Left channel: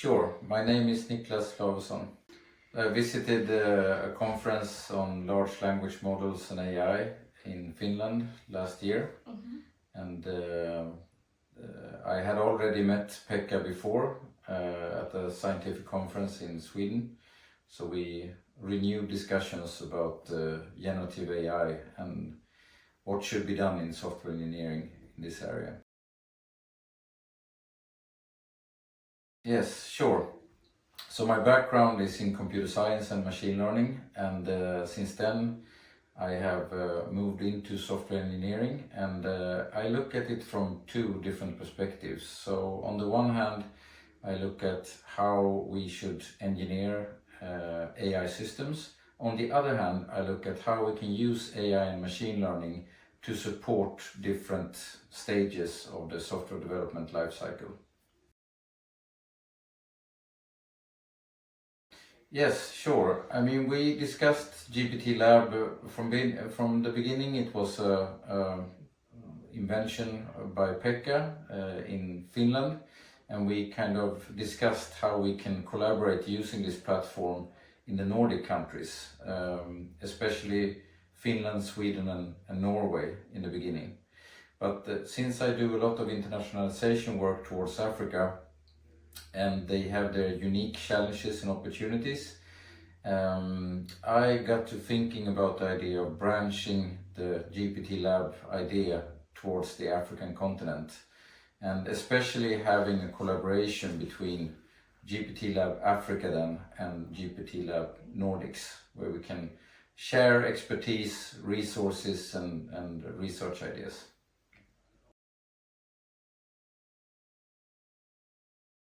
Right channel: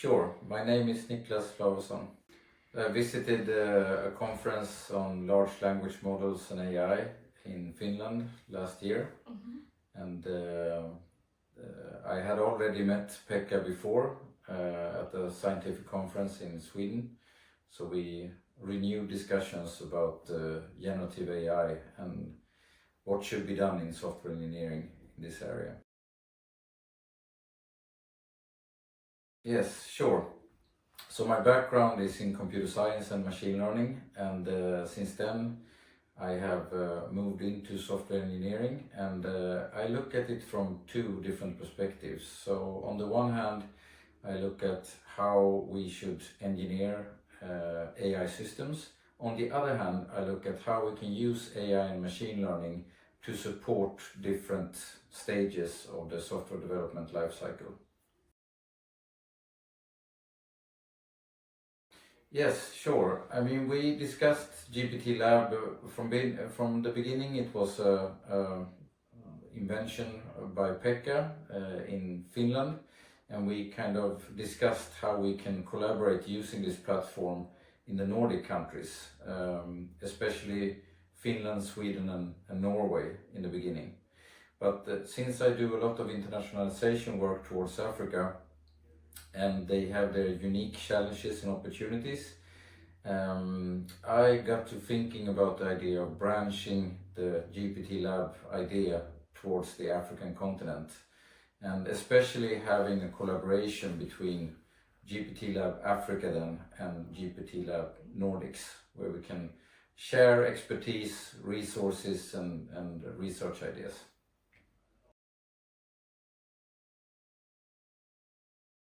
Sure, my name is Niklas Lavesson. I visited a conference on large language models and AI in Finland last year, and I had already met Pekka before at a scientific conference in Sweden, so we renewed discussions about generative AI and what should be done in software engineering in this area. Yes, sure. So my background is in computer science and machine learning, and since then I have moved into software engineering, and I look at it from two different perspectives. So on the one hand, I look at how we should engineer AI systems. On the other hand, I look at how we can use AI and machine learning to support different stages of the software development lifecycle. Yes, sure. I mean, we discussed GPT-Lab from the beginning. It was a invention by Pekka in Finland, and we kind of discussed how we can collaborate using this platform in the Nordic countries, especially Finland, Sweden and Norway in the beginning. But since I do a lot of internationalization work towards Africa, and they have their unique challenges and opportunities, I got to thinking about the idea of branching the GPT-Lab idea towards the African continent, and especially having a collaboration between GPT-Lab Africa then and GPT-Lab Nordics, where we can share expertise, resources and research ideas.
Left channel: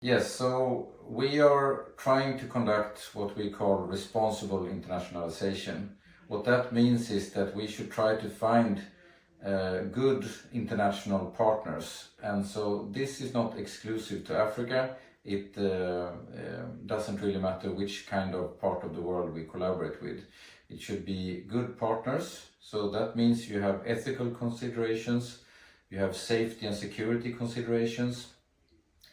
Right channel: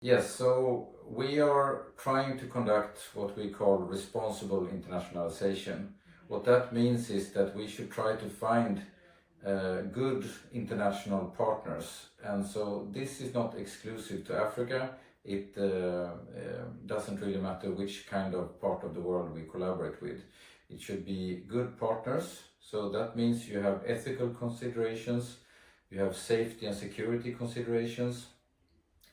Yes, so we are trying to conduct what we call responsible internationalization. What that means is that we should try to find good international partners. And so this is not exclusive to Africa. It doesn't really matter which kind of part of the world we collaborate with. It should be good partners. So that means you have ethical considerations, you have safety and security considerations,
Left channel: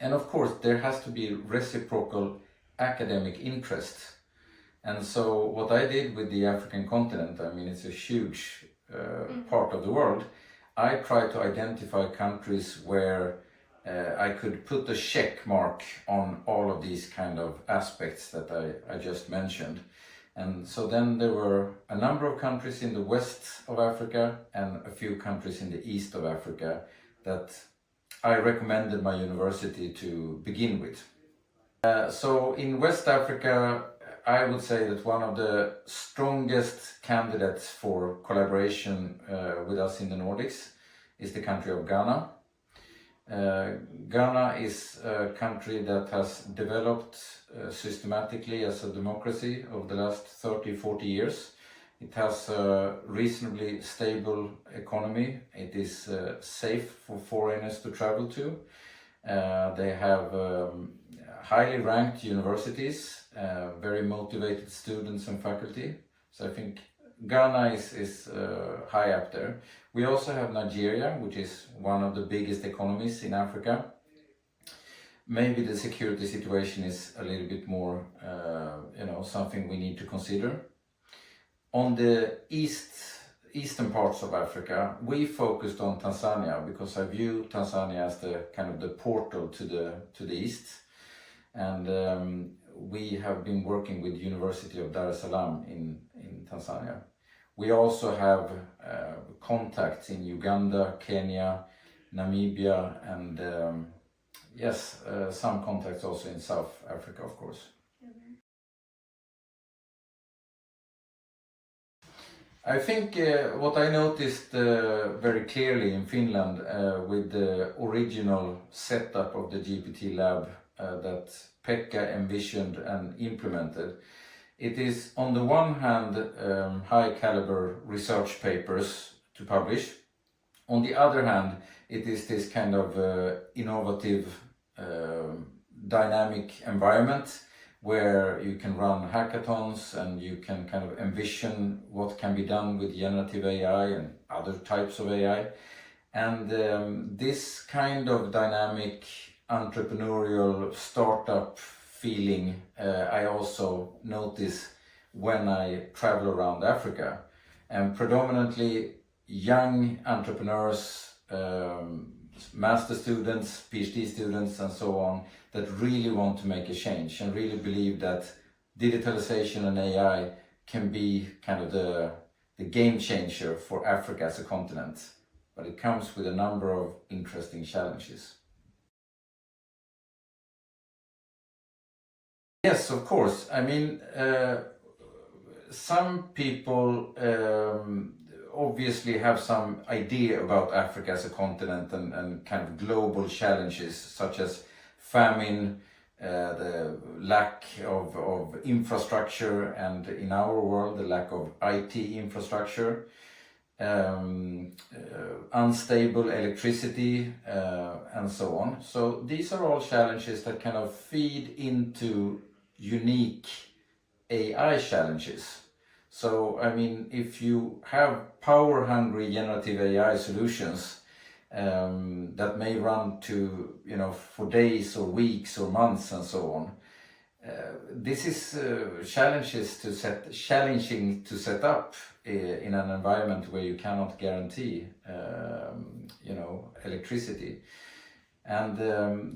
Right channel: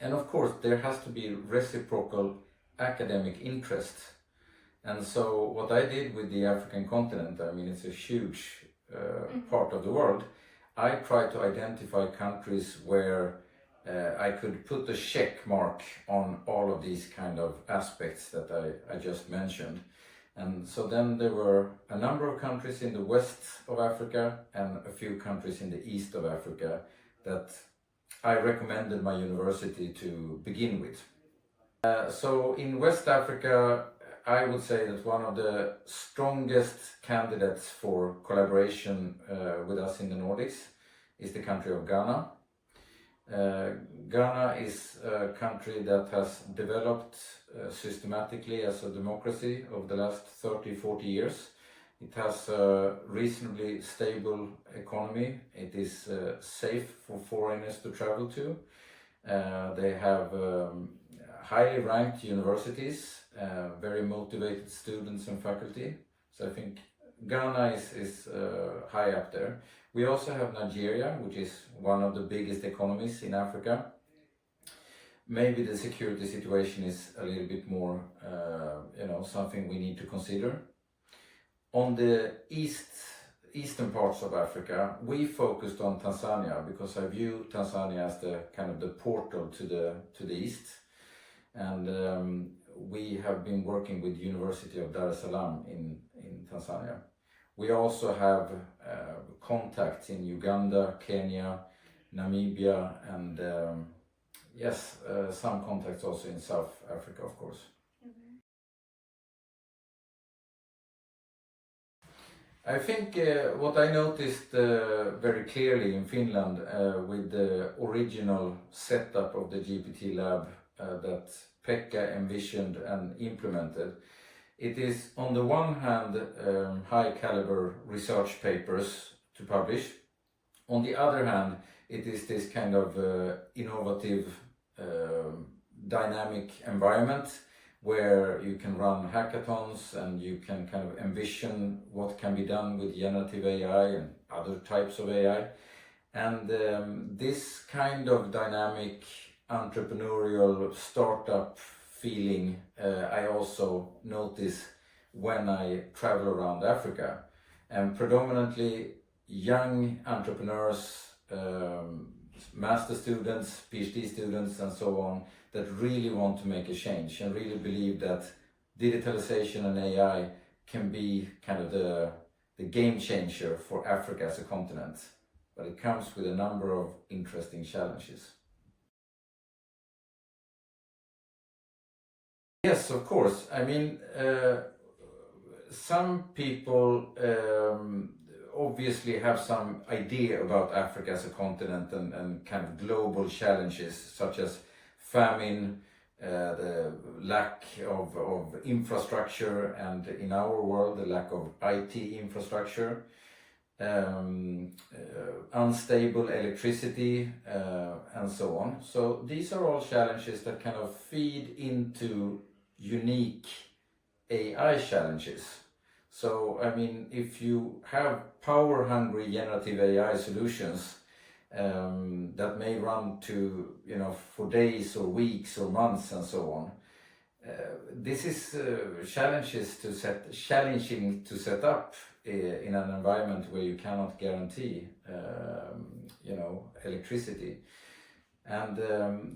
and of course, there has to be reciprocal academic interest. And so what I did with the African continent, I mean, it's a huge part of the world. I tried to identify countries where I could put a check mark on all of these kind of aspects that I just mentioned. And so then there were a number of countries in the west of Africa and a few countries in the east of Africa that I recommended my university to begin with. So in West Africa, I would say that one of the strongest candidates for collaboration with us in the Nordics is the country of Ghana. Ghana is a country that has developed systematically as a democracy over the last 30-40 years. It has a reasonably stable economy. It is safe for foreigners to travel to. They have highly ranked universities, very motivated students and faculty. So I think Ghana is high up there. We also have Nigeria, which is one of the biggest economies in Africa. Maybe the security situation is a little bit more, something we need to consider. On the eastern parts of Africa, we focused on Tanzania because I view Tanzania as the kind of the portal to the east, and we have been working with University of Dar es Salaam in Tanzania. We also have contacts in Uganda, Kenya, Namibia, and some contacts also in South Africa, of course. I think what I noticed very clearly in Finland with the original setup of the GPT-Lab that Pekka envisioned and implemented, it is on the one hand high caliber research papers to publish. On the other hand, it is this kind of innovative, dynamic environment where you can run hackathons and you can kind of envision what can be done with generative AI and other types of AI. And this kind of dynamic entrepreneurial startup feeling I also notice when I travel around Africa, and predominantly young entrepreneurs, master students, PhD students and so on, that really want to make a change and really believe that digitalization and AI can be kind of the game changer for Africa as a continent. But it comes with a number of interesting challenges. Yes, of course. I mean, some people obviously have some idea about Africa as a continent and kind of global challenges such as famine, the lack of infrastructure, and in our world the lack of IT infrastructure, unstable electricity, and so on. So these are all challenges that kind of feed into unique AI challenges. So, I mean, if you have power-hungry generative AI solutions that may run to, for days or weeks or months and so on, this is challenging to set up in an environment where you cannot guarantee, electricity. And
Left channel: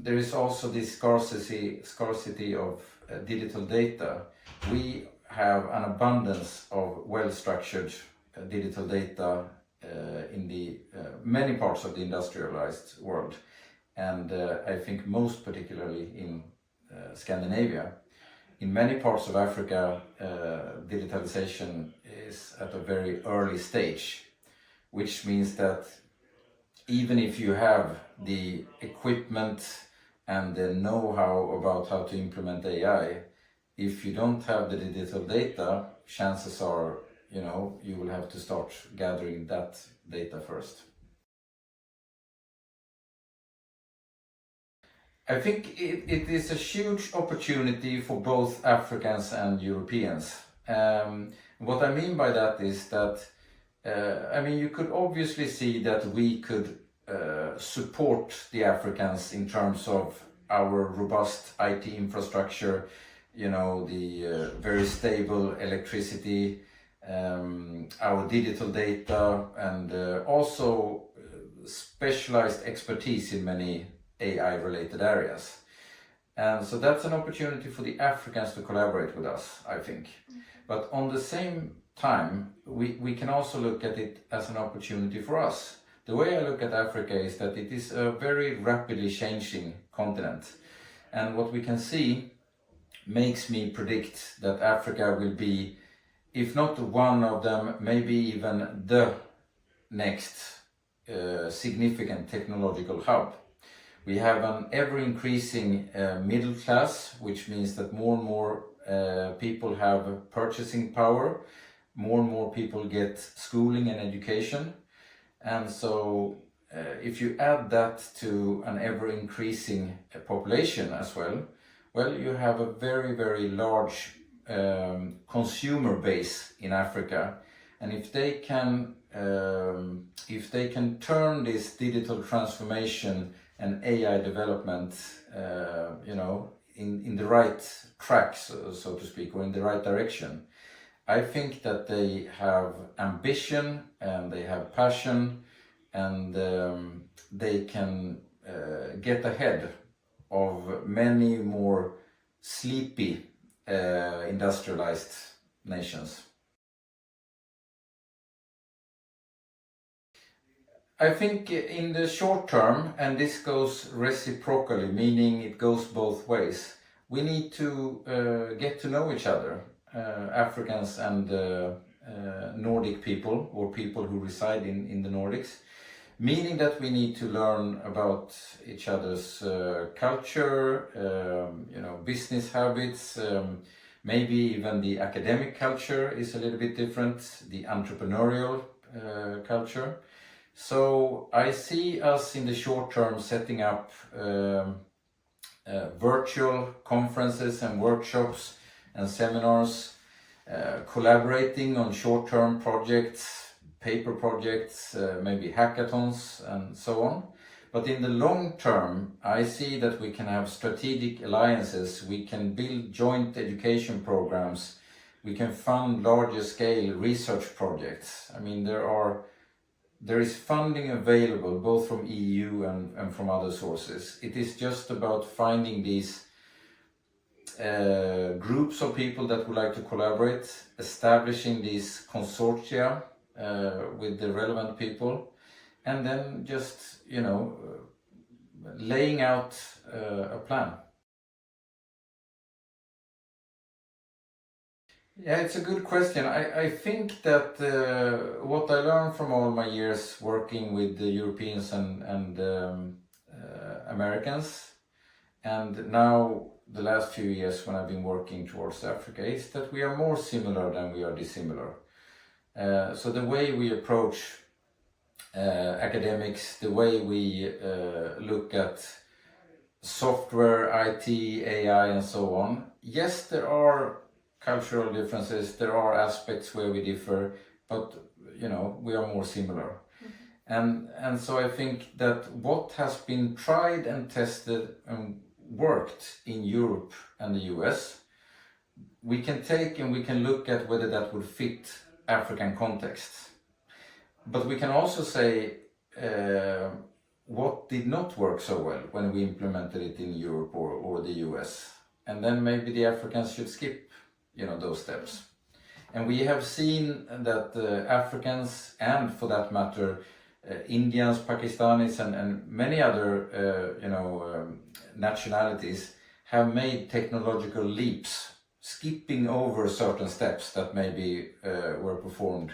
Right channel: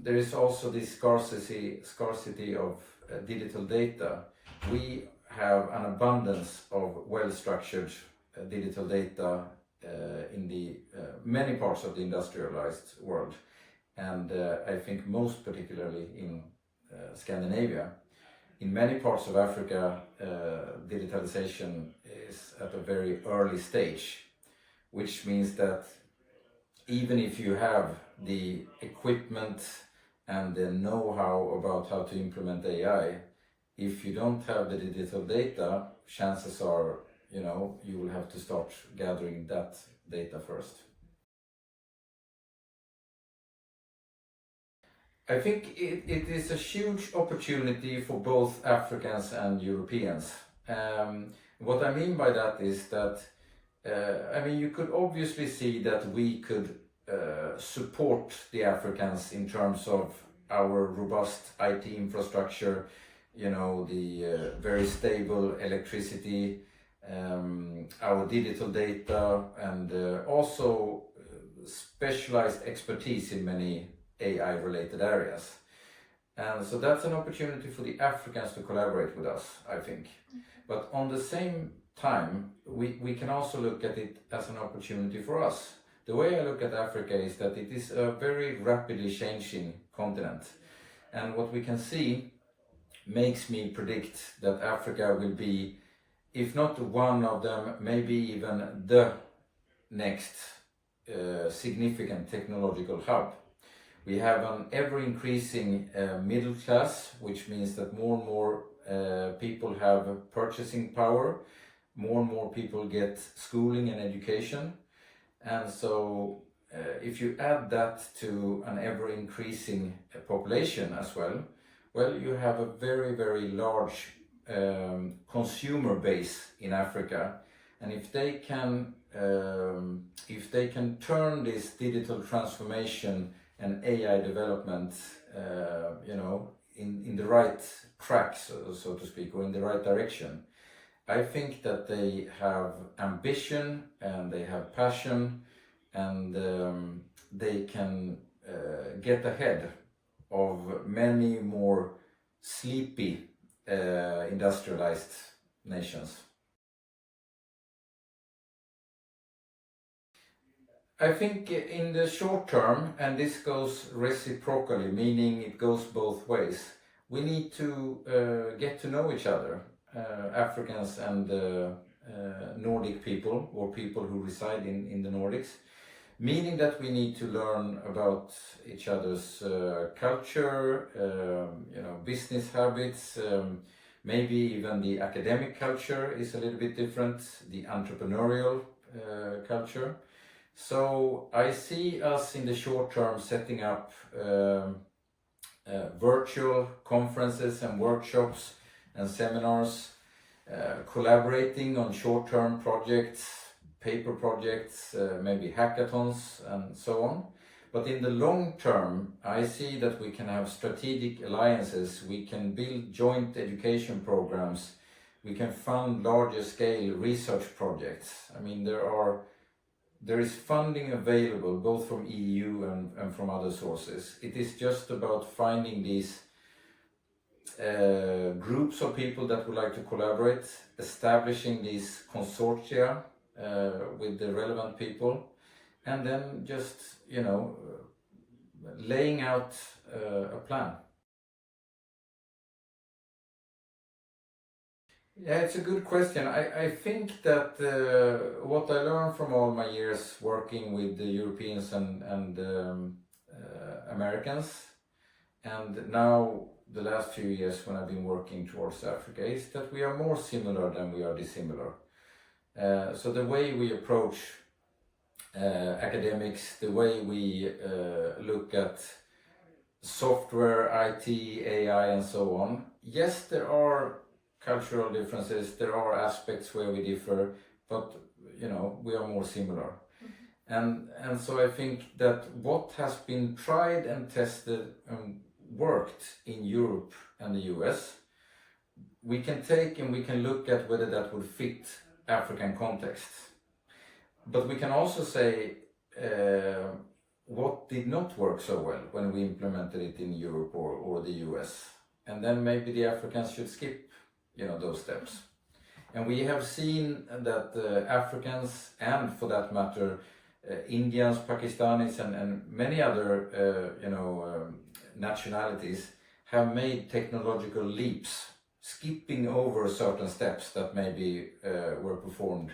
there is also this scarcity of digital data. We have an abundance of well-structured digital data in the many parts of the industrialized world, and I think most particularly in Scandinavia. In many parts of Africa, digitalization is at a very early stage, which means that even if you have the equipment and the know-how about how to implement AI, if you don't have the digital data, chances are, you will have to start gathering that data first. I think it is a huge opportunity for both Africans and Europeans. What I mean by that is that, you could obviously see that we could support the Africans in terms of our robust IT infrastructure, the very stable electricity, our digital data, and also specialized expertise in many AI-related areas. And so that's an opportunity for the Africans to collaborate with us, I think. But on the same time, we can also look at it as an opportunity for us. The way I look at Africa is that it is a very rapidly changing continent. And what we can see makes me predict that Africa will be, if not one of them, maybe even the next significant technological hub. We have an ever-increasing middle class, which means that more and more people have purchasing power, more and more people get schooling and education. And so if you add that to an ever-increasing population as well, you have a very, very large consumer base in Africa. And if they can turn this digital transformation and AI development, in the right track, so to speak, or in the right direction, I think that they have ambition and they have passion, and they can get ahead of many more sleepy industrialized nations. I think in the short term, and this goes reciprocally, meaning it goes both ways, we need to get to know each other, Africans and Nordic people, or people who reside in the Nordics, meaning that we need to learn about each other's culture, business habits, maybe even the academic culture is a little bit different, the entrepreneurial culture. So I see us in the short term setting up virtual conferences and workshops and seminars, collaborating on short-term projects, paper projects, maybe hackathons and so on. But in the long term, I see that we can have strategic alliances, we can build joint education programs, we can fund larger scale research projects. I mean, there is funding available both from EU and from other sources. It is just about finding these groups of people that would like to collaborate, establishing these consortia with the relevant people, and then just, laying out a plan. Yeah, it's a good question. I think that what I learned from all my years working with the Europeans and Americans, and now the last few years when I've been working towards Africa, is that we are more similar than we are dissimilar. So the way we approach academics, the way we look at software, IT, AI and so on, yes, there are cultural differences, there are aspects where we differ, but we are more similar. And so I think that what has been tried and tested and worked in Europe and the US, we can take and we can look at whether that would fit African context. But we can also say what did not work so well when we implemented it in Europe or the US. And then maybe the Africans should skip those steps. And we have seen that Africans, and for that matter Indians, Pakistanis and many other nationalities, have made technological leaps, skipping over certain steps that maybe were performed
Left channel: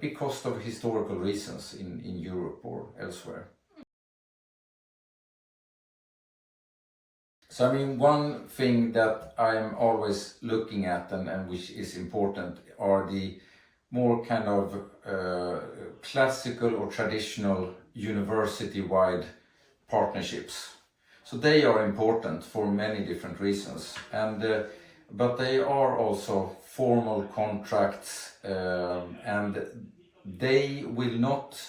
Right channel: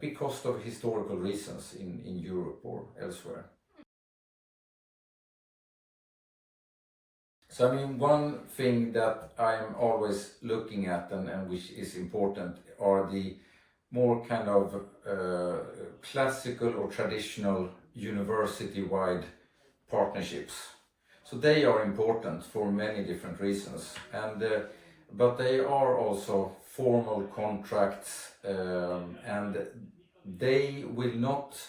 because of historical reasons in Europe or elsewhere. So I mean, one thing that I'm always looking at and which is important are the more kind of classical or traditional university-wide partnerships. So they are important for many different reasons, but they are also formal contracts, and they will not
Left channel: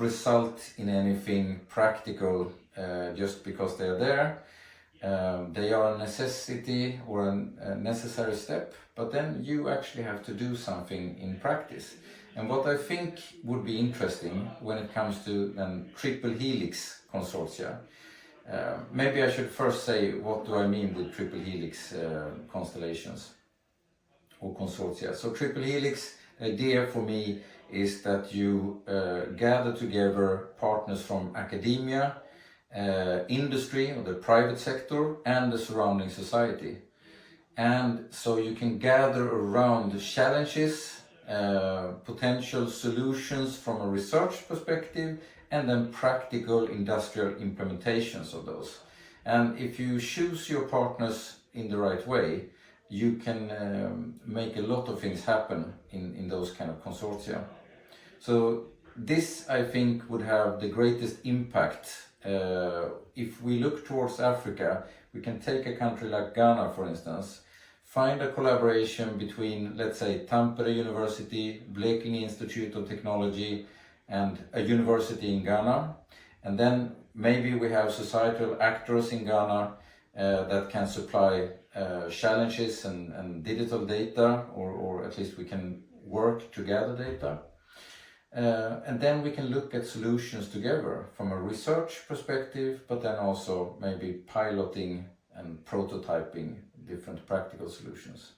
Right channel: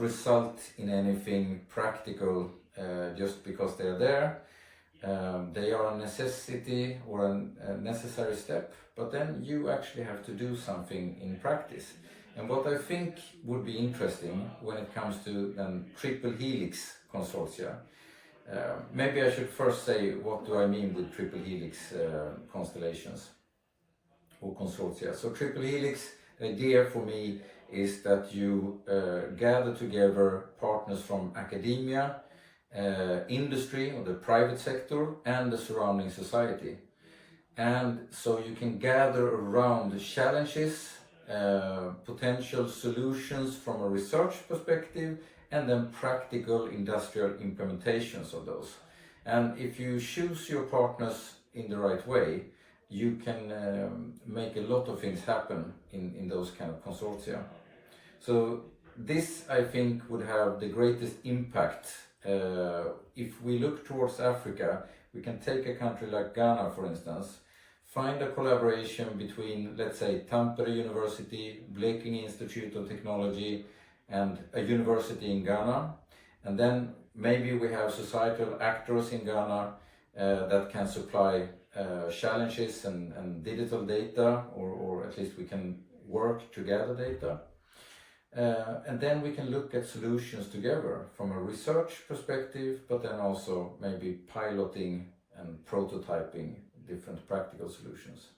result in anything practical just because they are there. They are a necessity or a necessary step, but then you actually have to do something in practice. And what I think would be interesting when it comes to triple helix consortia, maybe I should first say what do I mean with triple helix constellations or consortia. So triple helix, the idea for me is that you gather together partners from academia, industry or the private sector and the surrounding society, and so you can gather around the challenges, potential solutions from a research perspective, and then practical industrial implementations of those. And if you choose your partners in the right way, you can make a lot of things happen in those kind of consortia. So this, I think, would have the greatest impact. If we look towards Africa, we can take a country like Ghana, for instance, find a collaboration between, let's say, Tampere University, Blekinge Institute of Technology, and a university in Ghana. And then maybe we have societal actors in Ghana that can supply challenges and digital data, or at least we can work to gather data. And then we can look at solutions together from a research perspective, but then also maybe piloting and prototyping different practical solutions.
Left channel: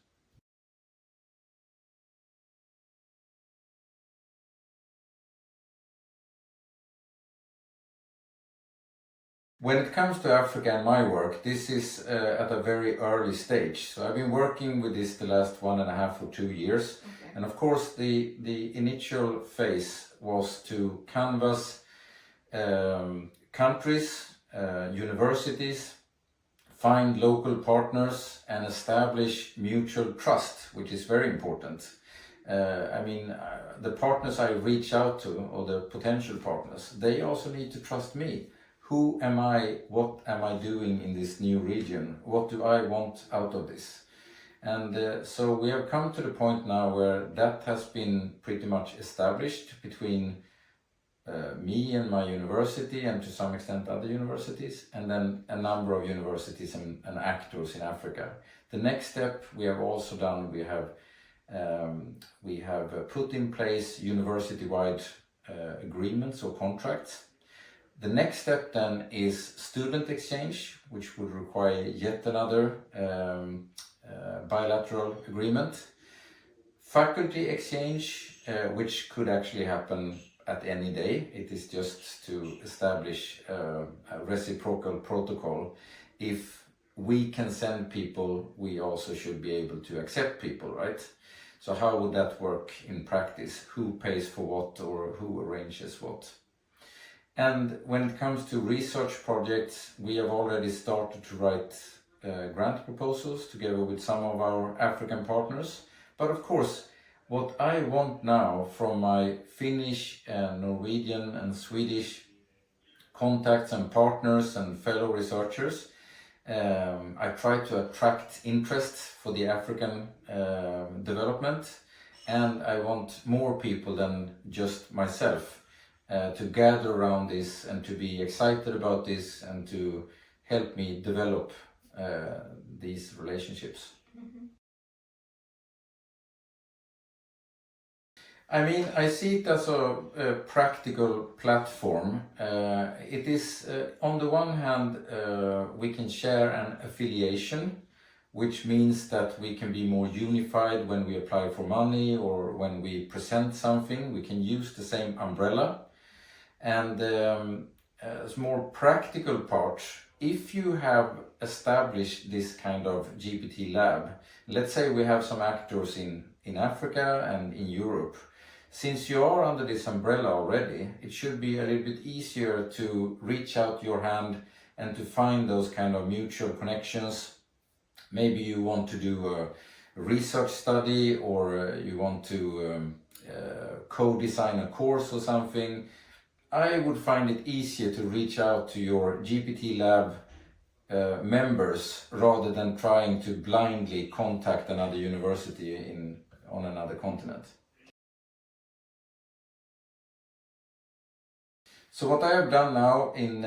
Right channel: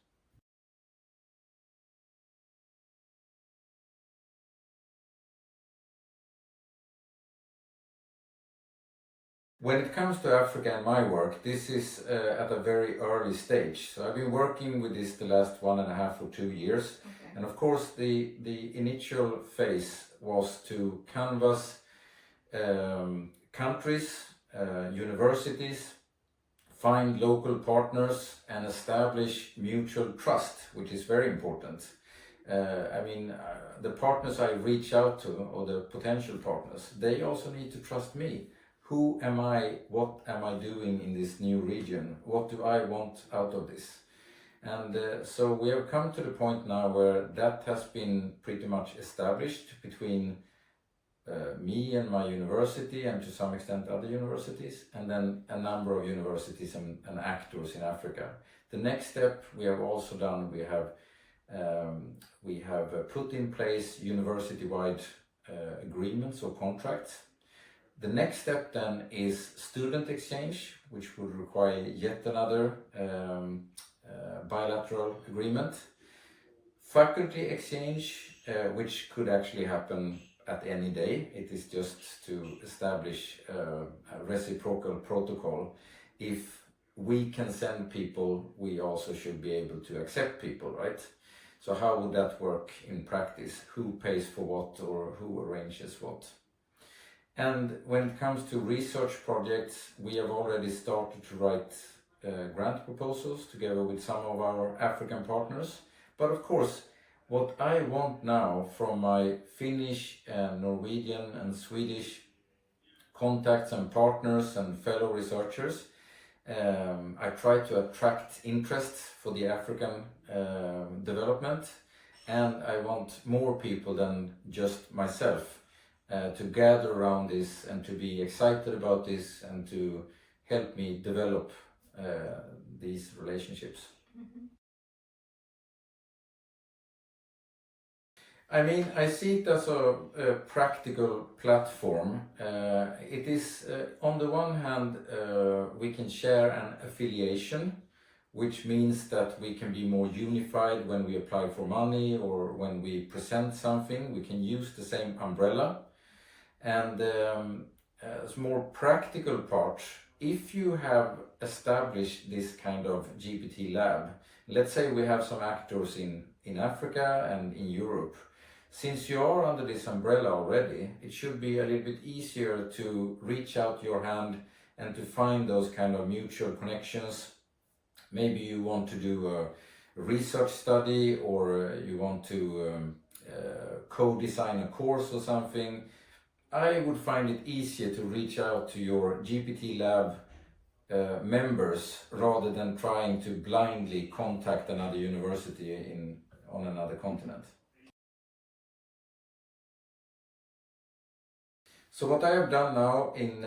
When it comes to Africa and my work, this is at a very early stage. So I've been working with this the last 1.5 or 2 years. Okay. And of course the initial phase was to canvass countries, universities, find local partners and establish mutual trust, which is very important. The partners I reach out to, or the potential partners, they also need to trust me. Who am I? What am I doing in this new region? What do I want out of this? And so we have come to the point now where that has been pretty much established between me and my university, and to some extent other universities, and then a number of universities and actors in Africa. The next step we have also done, we have put in place university-wide agreements or contracts. The next step then is student exchange, which would require yet another bilateral agreement. Faculty exchange, which could actually happen at any day. It is just to establish a reciprocal protocol. If we can send people, we also should be able to accept people, right? So how would that work in practice? Who pays for what, or who arranges what? And when it comes to research projects, we have already started to write grant proposals together with some of our African partners. But of course, what I want now from my Finnish, Norwegian and Swedish contacts and partners and fellow researchers, I try to attract interest for the African development, and I want more people than just myself to gather around this and to be excited about this and to help me develop these relationships. Mm-hmm. I mean, I see it as a practical platform. It is, on the one hand, we can share an affiliation, which means that we can be more unified when we apply for money or when we present something. We can use the same umbrella. And as more practical part, if you have established this kind of GPT-Lab, let's say we have some actors in Africa and in Europe, since you are under this umbrella already, it should be a little bit easier to reach out your hand and to find those kind of mutual connections. Maybe you want to do a research study, or you want to co-design a course or something. I would find it easier to reach out to your GPT-Lab members rather than trying to blindly contact another university on another continent. So what I have done now in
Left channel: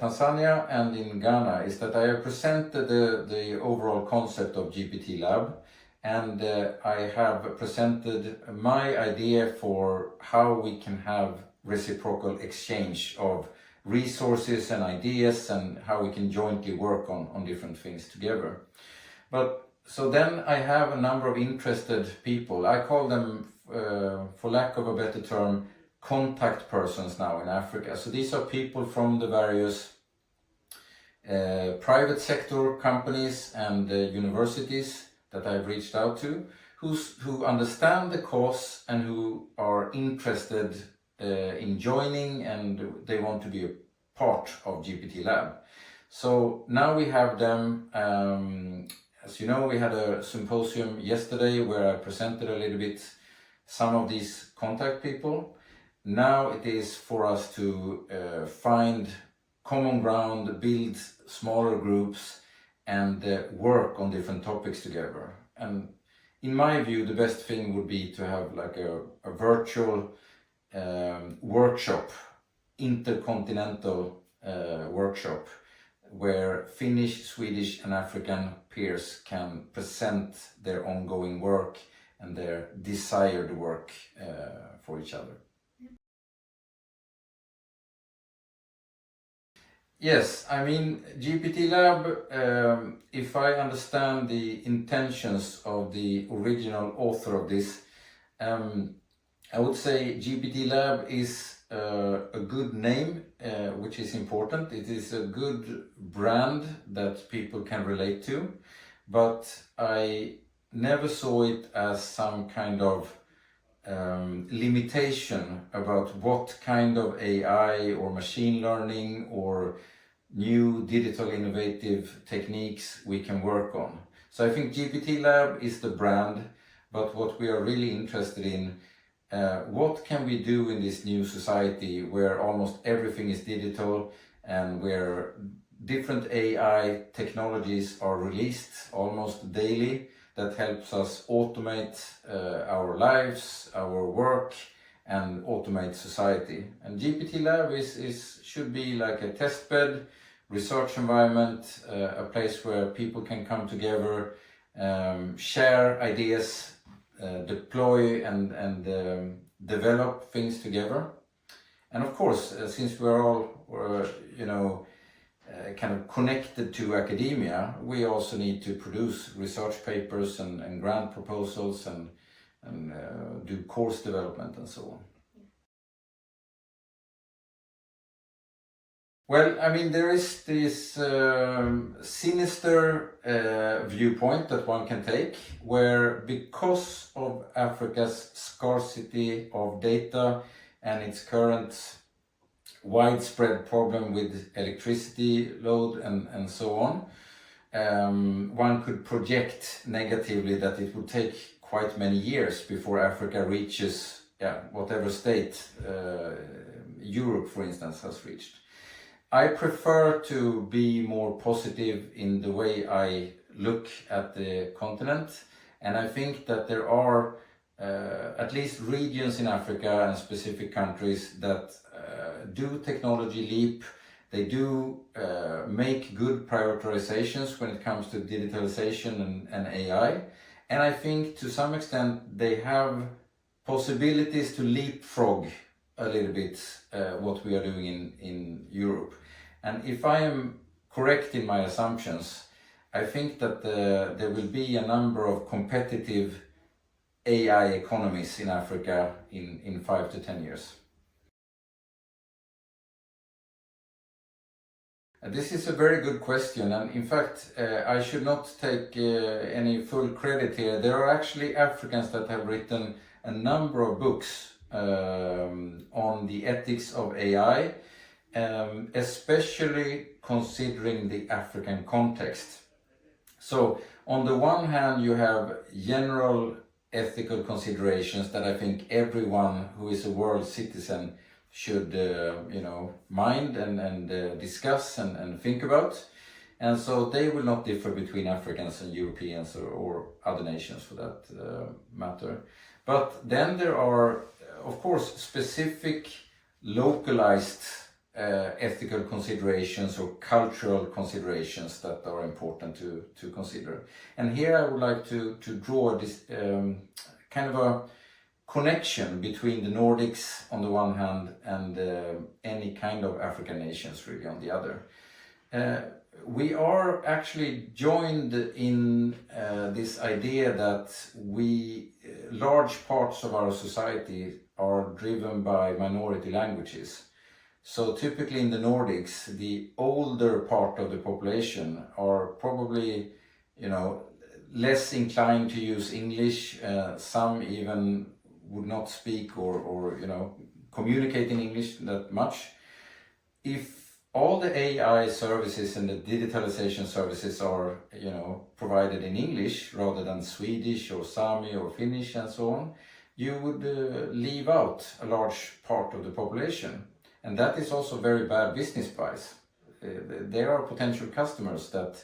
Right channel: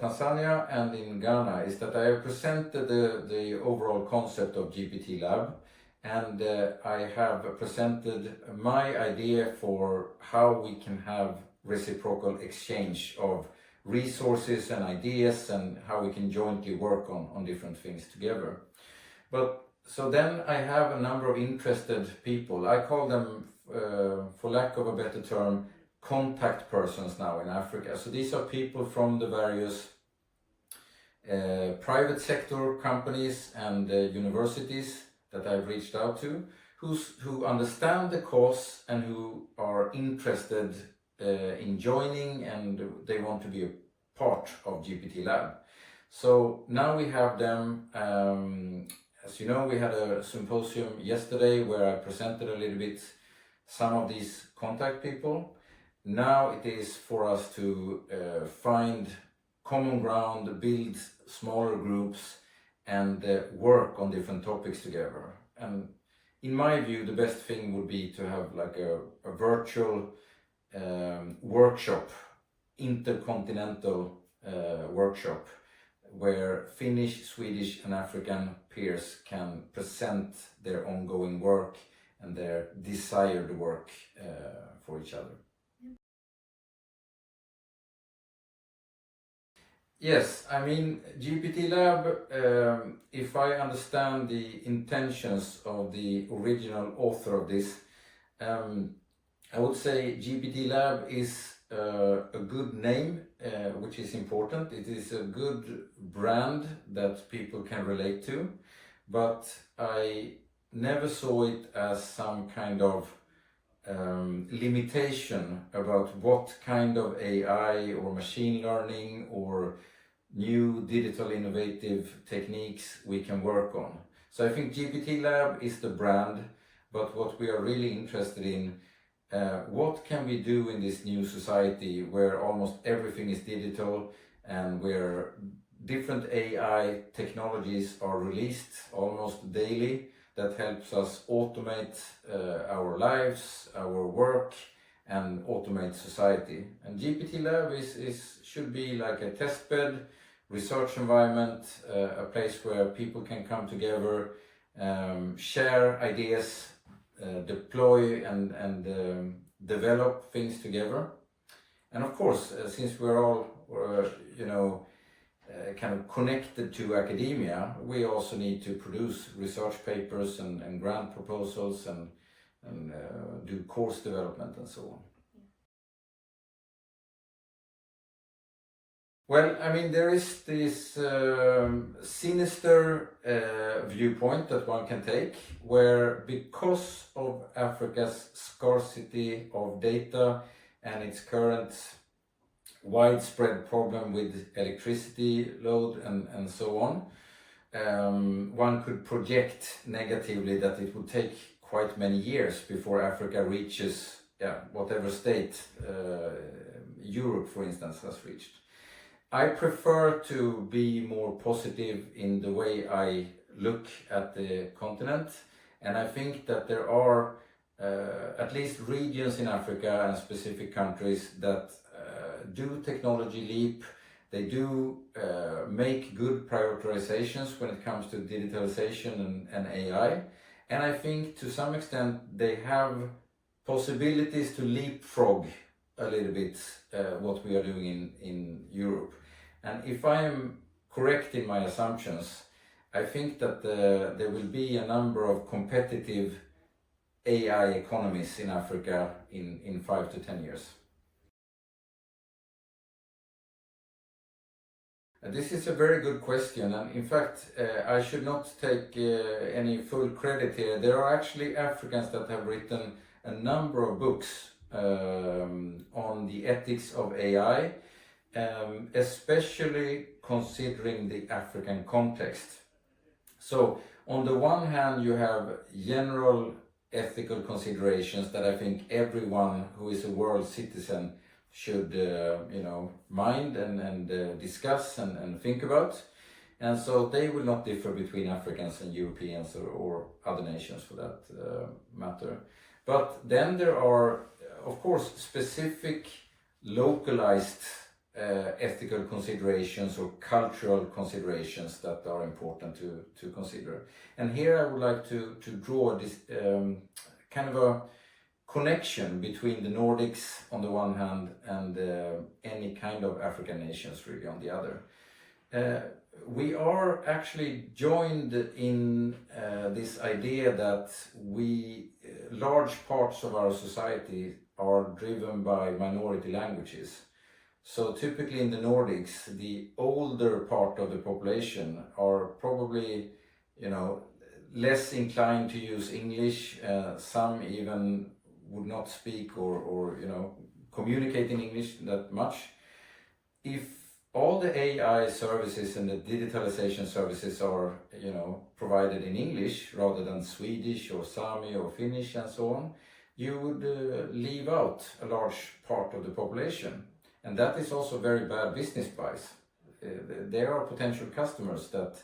Tanzania and in Ghana is that I have presented the overall concept of GPT-Lab, and I have presented my idea for how we can have reciprocal exchange of resources and ideas and how we can jointly work on different things together. But so then I have a number of interested people. I call them, for lack of a better term, contact persons now in Africa. So these are people from the various private sector companies and universities that I've reached out to, who understand the cause and who are interested in joining, and they want to be a part of GPT-Lab. So now we have them, as you know, we had a symposium yesterday where I presented a little bit some of these contact people. Now it is for us to find common ground, build smaller groups, and work on different topics together. And in my view, the best thing would be to have like a virtual workshop, intercontinental workshop, where Finnish, Swedish and African peers can present their ongoing work and their desired work for each other. Yes, I mean, GPT-Lab, if I understand the intentions of the original author of this, I would say GPT-Lab is a good name, which is important. It is a good brand that people can relate to, but I never saw it as some kind of limitation about what kind of AI or machine learning or new digital innovative techniques we can work on. So I think GPT-Lab is the brand, but what we are really interested in, what can we do in this new society where almost everything is digital and where different AI technologies are released almost daily that helps us automate our lives, our work, and automate society. And GPT-Lab should be like a testbed, research environment, a place where people can come together, share ideas, deploy and develop things together. And of course, since we're all, kind of connected to academia, we also need to produce research papers and grant proposals and do course development and so on. Well, I mean, there is this sinister viewpoint that one can take, where because of Africa's scarcity of data and its current widespread problem with electricity load and so on, one could project negatively that it would take quite many years before Africa reaches whatever state Europe, for instance, has reached. I prefer to be more positive in the way I look at the continent, and I think that there are at least regions in Africa and specific countries that do technology leap. They do make good prioritizations when it comes to digitalization and AI, and I think to some extent they have possibilities to leapfrog a little bit what we are doing in Europe. And if I am correct in my assumptions, I think that there will be a number of competitive AI economies in Africa in 5 to 10 years. This is a very good question, and in fact I should not take any full credit here. There are actually Africans that have written a number of books on the ethics of AI, especially considering the African context. So on the one hand you have general ethical considerations that I think everyone who is a world citizen should mind and discuss and think about, and so they will not differ between Africans and Europeans or other nations for that matter. But then there are of course specific localized ethical considerations or cultural considerations that are important to consider. And here I would like to draw this kind of a connection between the Nordics on the one hand and any kind of African nations really on the other. We are actually joined in this idea that large parts of our society are driven by minority languages. So typically in the Nordics, the older part of the population are probably, less inclined to use English. Some even would not speak or communicate in English that much. If all the AI services and the digitalization services are, provided in English rather than Swedish or Sami or Finnish and so on, you would leave out a large part of the population. And that is also very bad business price. There are potential customers that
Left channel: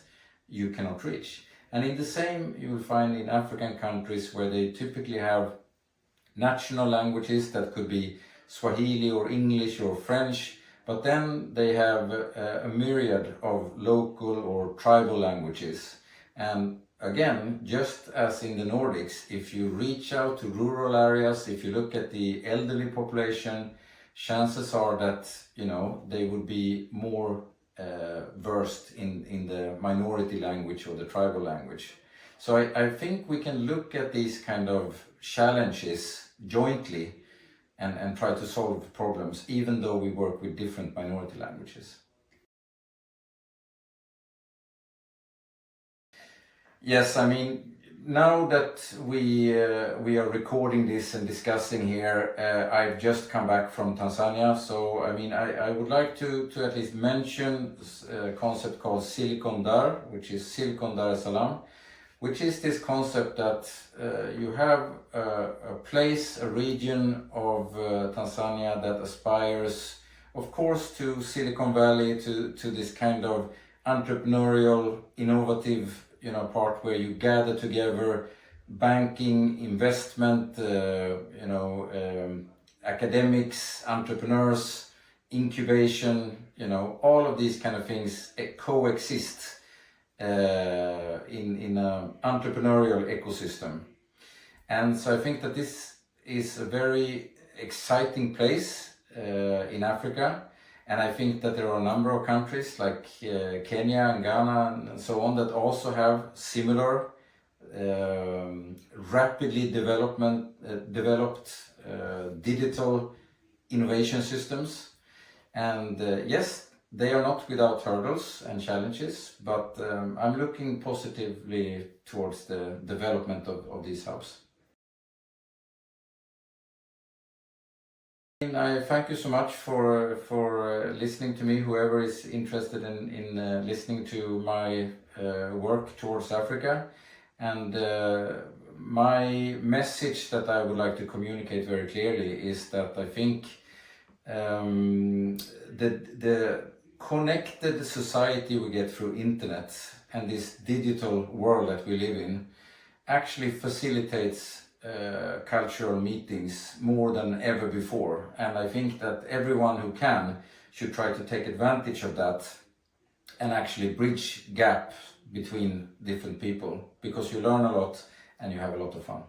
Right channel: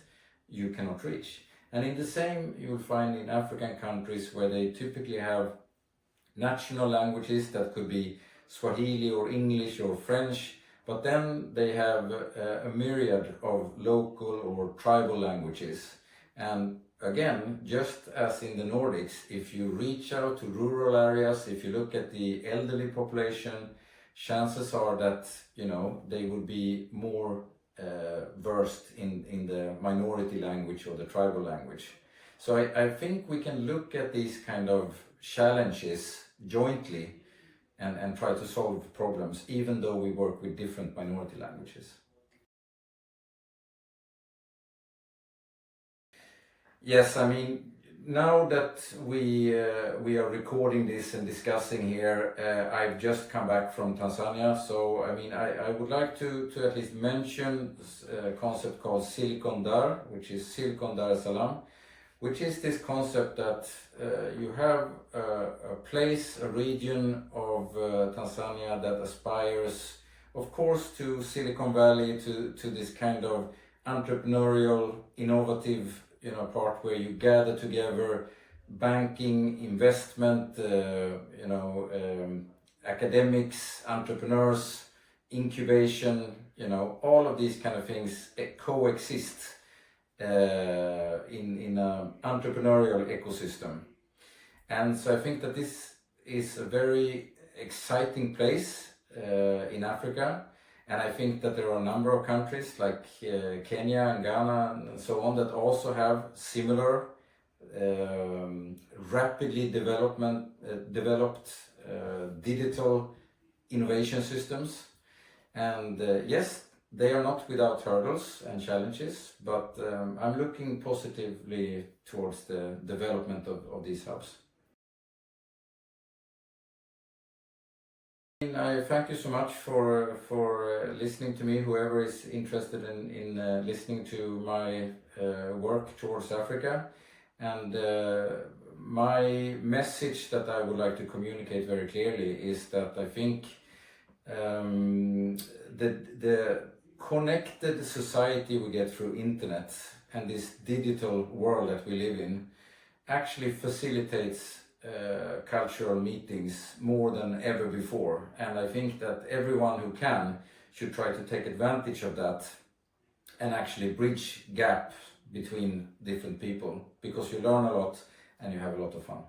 you cannot reach. And in the same you will find in African countries where they typically have national languages that could be Swahili or English or French, but then they have a myriad of local or tribal languages. And again, just as in the Nordics, if you reach out to rural areas, if you look at the elderly population, chances are that they would be more versed in the minority language or the tribal language. So I think we can look at these kind of challenges jointly and try to solve problems, even though we work with different minority languages. Yes, I mean, now that we are recording this and discussing here, I've just come back from Tanzania, so I mean I would like to at least mention a concept called Silicon Dar, which is Silicon Dar es Salaam, which is this concept that you have a place, a region of Tanzania that aspires, of course, to Silicon Valley, to this kind of entrepreneurial, innovative part where you gather together banking, investment, academics, entrepreneurs, incubation, you know, all of these kind of things coexist in an entrepreneurial ecosystem. And so I think that this is a very exciting place in Africa, and I think that there are a number of countries like Kenya and Ghana and so on that also have similar rapidly developed digital innovation systems. And yes, they are not without hurdles and challenges, but I'm looking positively towards the development of these hubs. I thank you so much for listening to me, whoever is interested in listening to my work towards Africa. And my message that I would like to communicate very clearly is that I think the connected society we get through internet and this digital world that we live in actually facilitates cultural meetings more than ever before, and I think that everyone who can should try to take advantage of that and actually bridge gap between different people, because you learn a lot and you have a lot of fun.